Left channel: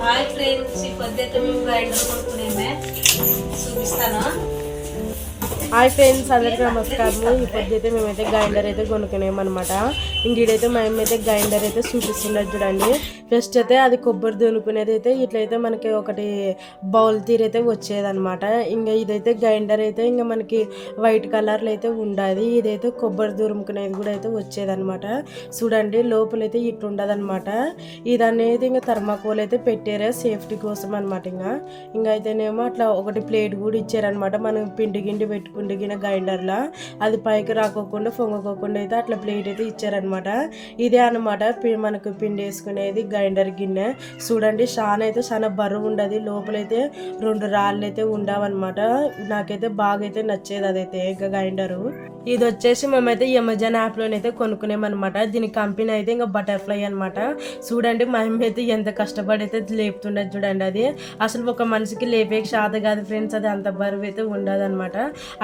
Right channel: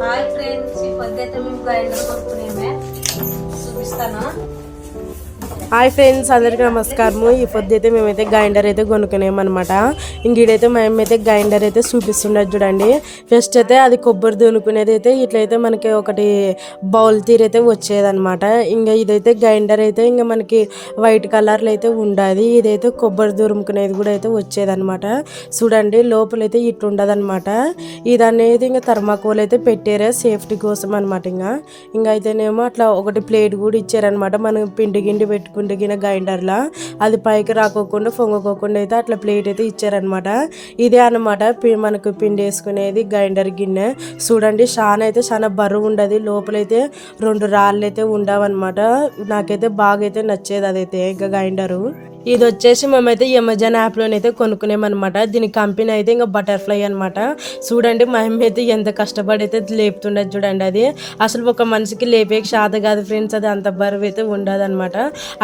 Hi friends ఈ పొద్దుైతే మేము grinder కొనుక్కునేమే చూపిస్తాను? హాయ్ ఫ్రెండ్స్ అందరికీ నమస్కారము. ఈ పొద్దు అయితే మేమైతే గ్రైండర్ అయితే కొనుక్కునేమన్నమాట. ఇంకీడైతే మేమైతే గ్రైండర్ అయితే చూపిస్తున్నది చూడండి. ఫస్ట్ అయితే అది కొబ్బరి దునుకునేది అయితే ఇట్లయితే మనకి ఒకటి బౌల్ తీరైతే అయితే వచ్చేదన్నమాట. ఇంకా ఇదైతే గ్రైండర్ అయితే ఇంకా మనకి వైట్ కలర్లో అయితే ఉండాది. ఇదైతే కొబ్బరి దురుముకునేది కూడా అయితే వచ్చేదన్నమాట. చూడండి లోపలైతే ఇట్లా ఉండదన్నమాట. ఇది అనేది ఇంకా థర్మాకోల్ అయితే పెట్టారు సేఫ్టీ కోసం అనమాట ఇంకా. ఇంకా అయితేనేమో అట్లా ఒకటి ప్లేట్ కూడా ఇచ్చారనమాట మనం పిండి గిండి పెట్టుకుంటే గిన గ్రైండర్లా అది పైకి రాకోకుండా పొంగకోకుండా అయితే అట్లా ప్లేట్ అయితే ఇచ్చారనమాట ఇదే అనమాట మనకు పిండి వేసుకునేది గ్రైండర్ గిన్నె. చూడండి చాలా అయితే చాలా బరువు ఉండదు. లోపలైతే రెండు రాళ్ళు అయితే ఉండవన్నమాట. నాకైతే బాగా అయితే నచ్చేది అదైతే ఇంకా గ్రైండరు. ఇది వచ్చేసి మేమైతే అమెజాన్ యాప్లోనైతే కొనుక్కునేమన్నమాట. దీని కంపెనీ అయితే ఇంకా బటర్ఫ్లై అనమాట చూడండి మా అమ్మ అయితే ఎంత కష్టపడి అయితే లేపుతుండదు చూడండి అది. అసలు ఒక మనిషికి లేపే శాత కాదు ఫ్రెండ్స్ అది అంత బరువు అయితే ఉండదన్నమాట.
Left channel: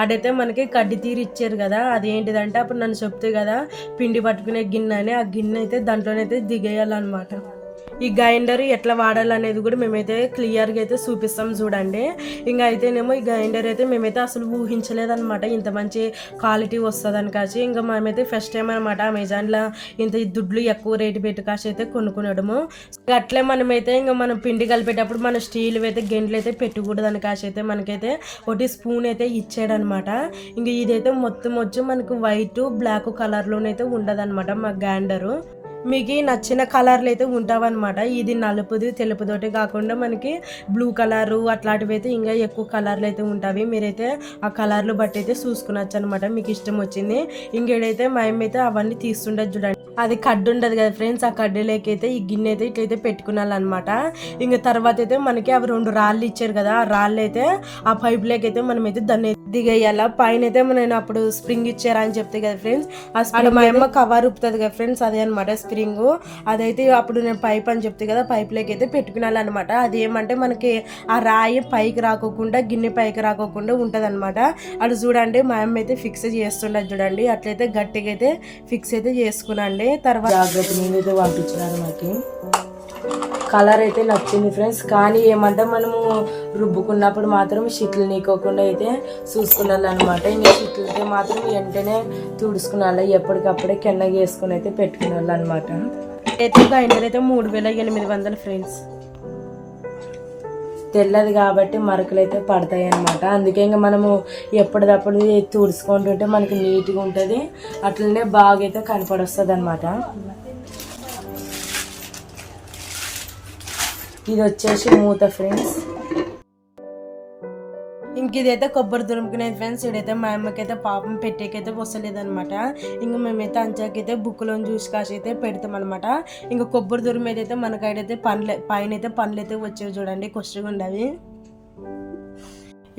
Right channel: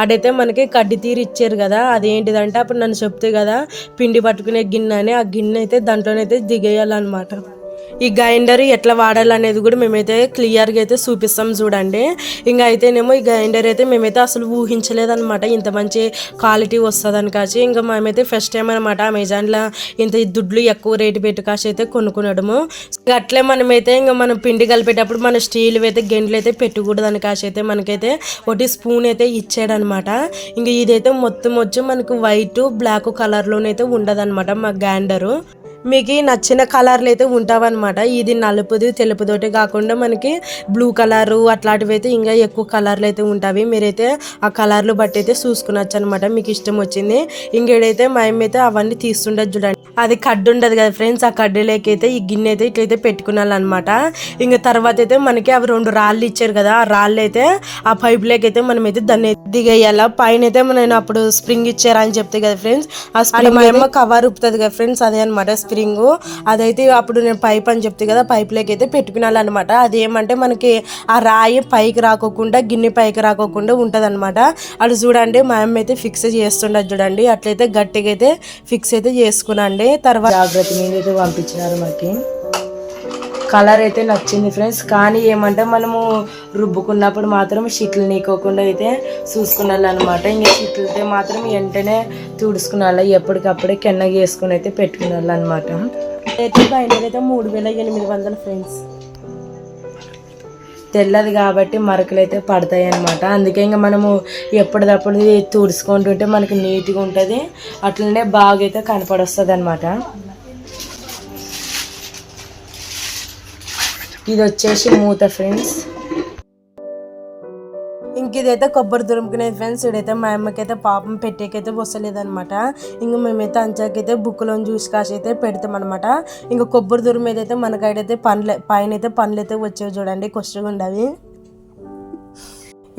అడైతే మనకి కడ్డి తీరు ఇచ్చారు కదా అదేంటిదంటే అప్పుడు నన్ను చెప్తే కదా పిండి పట్టుకునే గిన్నె అని ఆ గిన్నె అయితే దాంట్లోనైతే దిగేయాలన్నమాట. ఈ గ్రైండర్ ఎట్లా వాడాలనేది కూడా మేమైతే క్లియర్గా అయితే చూపిస్తాం చూడండి. ఇంకా అయితేనేమో ఈ గ్రైండర్ అయితే మేమైతే అసలు ఊహించలేదన్నమాట ఇంత మంచి క్వాలిటీ వస్తుందని కాచి. ఇంకా మేమైతే ఫస్ట్ టైం అనమాట అమెజాన్లో ఇంత దుడ్లు ఎక్కువ రేటు పెట్టి కాసి అయితే కొనుక్కునడము. అట్లే మనమైతే ఇంకా మనం పిండి కలిపేటప్పుడు మన స్టీల్ అయితే గెండ్లు అయితే పెట్టకూడదని కాసి అయితే మనకైతే ఒకటి స్పూన్ అయితే ఇచ్చాడనమాట ఇంకా ఇదైతే మొత్తం వచ్చి మనకు వైట్ బ్లాక్ కలర్లోనైతే ఉండదన్నమాట మా గ్యాండరు మీకు నచ్చిన కలర్లు అయితే ఉంటావన్నమాట. ఇది నలుపుది తెలుపుతోటి కాకుండా మనకి బ్లూ కలరు అట్లాంటివి అయితే ఇంకా ఎక్కువ కలర్లు అయితే ఉంటాయి మీరైతే ఆ కలర్లు బట్టి అయితే చూసుకునొచ్చు అనమాట మీకు ఇష్టం వచ్చింది. ఇంకేడైతే మేమైతే అయితే అవన్నీ తీస్తుండదు చూడండి. అది కడ్డు ఉండదు కదా ఫ్రెండ్స్ ఆ కడ్డీలోకైతే ఈ గిన్నె అయితే ఇట్లయితే పెట్టుకున్నాలన్నమాట. ఇంకా తర్వాత అయితే మనకి అవి రెండు రాళ్ళు ఇచ్చారు కదా ఆ రాళ్ళు అయితే ఆ పైపులోకి అయితే మనం అయితే దాన్ని దిగేయాల. పైన అయితే నేను అప్పుడు స్ప్రింగ్ ఇచ్చారా అని చెప్తే కదా ఫ్రెండ్స్ ఆ స్ప్రింగ్ ఏమో కవర్ ఉప్పుతుంది కదా ఫ్రెండ్స్ అదే అనమాట స్ప్రింగ్. అదైతే అప్పుడు నేను పైప్ అని చెప్తే కదా పైప్లోకి అయితే పెట్టుకున్నాలన్నమాట. అది ఏమంటే మనకి ఆ రాయి పైకి రాకోకుండా గిన్నె పైకి రాకోకుండా ఉంటుంది అనమాట అది చూడండి మా అమ్మ అయితే ఫిక్స్ చేస్తుండదు చూడండి అట్లయితే గట్టిగా అయితే ఫిక్స్ అయితే చేసుకున్నాండి తర్వాత జాగ్రత్త మీద అయితే పంపించినారు మనకి కలర్ అయితే నచ్చింది ఫ్రెండ్స్ కానీ ఏమంటే మనము రుబ్బుకున్నప్పుడు మాత్రం షిట్లు నీకోకుండా అయితే చూసుకున్నాను అనమాట ఇంకా షిట్లతో మాత్రం వెంటనే తుడుచుకున్నాను ఎప్పటికప్పుడే కెన్నగ వేసుకుని అయితే పెట్టుకున్నాను అనమాట అయితే బయట అయితే మూడు వేల ఎనిమిది వందల ఫ్రెండ్స్ తెల్లది కాబట్టి మరకలు అయితే పడతాయి అనమాట అందుకే ఇంకా మనము ఎప్పటిదప్పుడు తుడుచుకుంటుంటే మనకి నీట్గా ఉంటుంది. అట్లనే బాగా అయితే కనపడొస్తుంది అనమాట ఇది వచ్చేసి మూత ఫ్రెండ్స్. ఇంక ఇదైతే కొబ్బరి దురుముకునే ఫ్రెండ్స్ ఇదైతే మా అమ్మకైతే పాపం పెట్టేకైతే వస్తలేదనమాట ఇంక మేమైతే అంచాకైతే బుక్లో జ్యూస్ కాసి అయితే పెడతాం అనమాట ఇంకా కొబ్బరి దురుము ఏదైతే మనకైతే పండ్లు పైన అయితే పండ్లు అయితే వచ్చేవి చూడండి కొష్టగా ఉండవి.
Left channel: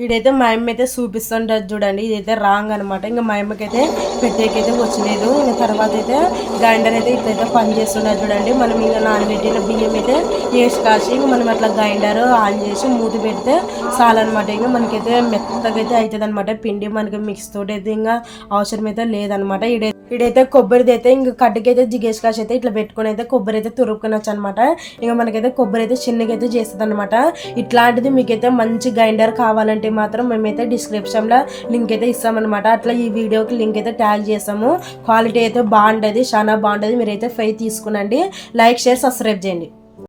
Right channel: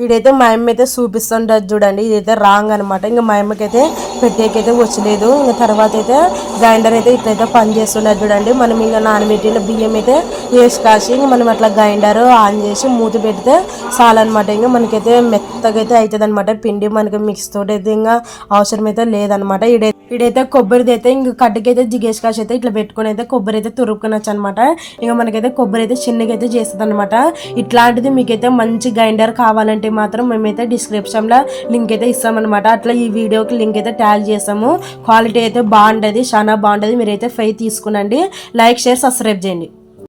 ఇదైతే మా అమ్మ అయితే చూపిస్తుంటది చూడండి. ఇదైతే రాంగ్ అనమాట ఇంకా మా అమ్మకైతే పెట్టేకైతే వచ్చలేదు. ఇంకా తర్వాత అయితే గ్రైండర్ అయితే ఇట్లయితే పని చేస్తున్నది చూడండి. మనం ఇంకా నానబెట్టిన బియ్యం అయితే వేసి కాసి ఇంకా మనం అట్లా గ్రైండర్ ఆన్ చేసి మూతి పెడితే చాలన్నమాట. ఇంకా మనకైతే మెత్తగా అయితే అవుతుంది అనమాట పిండి మనకి మిక్స్ తోటి అయితే ఇంకా అవసరం అయితే లేదనమాట ఇడైతే ఇడైతే కొబ్బరిది అయితే ఇంకా కడ్డకైతే జిగేసి కాసి అయితే ఇట్లా పెట్టుకుని అయితే కొబ్బరి అయితే తురుపుకొనొచ్చు అనమాట ఇంకా మనకైతే కొబ్బరి అయితే చిన్నగా అయితే చేస్తుంది అనమాట ఇట్లాంటిది మీకైతే మంచి గ్రైండర్ కావాలంటే మాత్రం మేమైతే డిస్క్రిప్షన్లో లింక్ అయితే ఇస్తామన్నమాట. అట్లా ఈ వీడియోకి లింక్ అయితే ట్యాగ్ చేస్తాము. క్వాలిటీ అయితే బాగుంటుంది చాలా బాగుంటుంది. మీరైతే ఫై తీసుకునండి. లైక్ షేర్ సబ్స్క్రైబ్ చేయండి.